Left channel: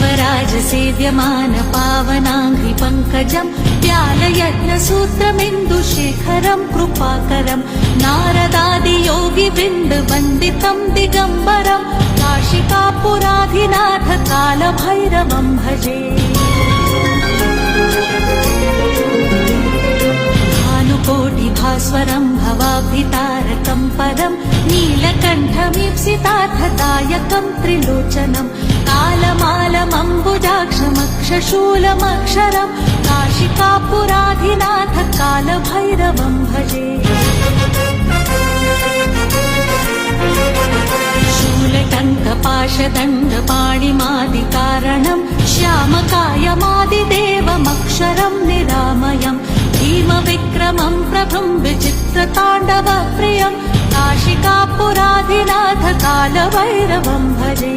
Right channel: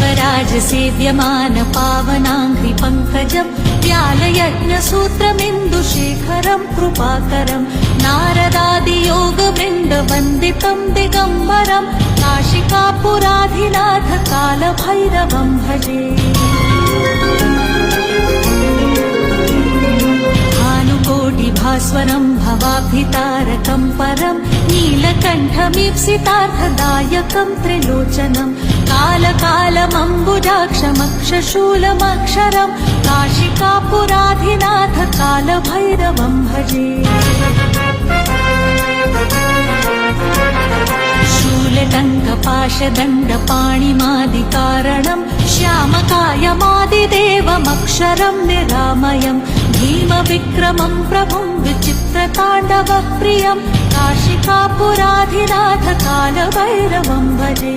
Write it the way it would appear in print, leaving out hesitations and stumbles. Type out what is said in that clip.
देवराजसेव्यमान पावनाङ्घ्रि पङ्कजम् व्यालयज्ञसूत्रमिन्दुशेखरम् कृपाकरम् नारदादियोगिवृन्दवन्दितम् दिगम्बरम् नाशिकापुराधिनाथ कालभैरवम् भजे। भानुकोटिभास्वरम् भवाब्धितारकम् परम् नीलकण्ठमीप्सितार्थदायकम् त्रिलोचनम् कालमालमम्बुजाक्षमक्षशूलमक्षरम् नाशिकापुराधिनाथ कालभैरवम् भजे। शूलदण्डपाशदण्डपाणिमादिकारणम् श्यामकायमादिदेवमक्षरम् निरामयम् भीमविक्रमम् प्रभम् विचित्रताण्डवप्रियम् नाशिकापुराधिनाथ कालभैरवम् भजे।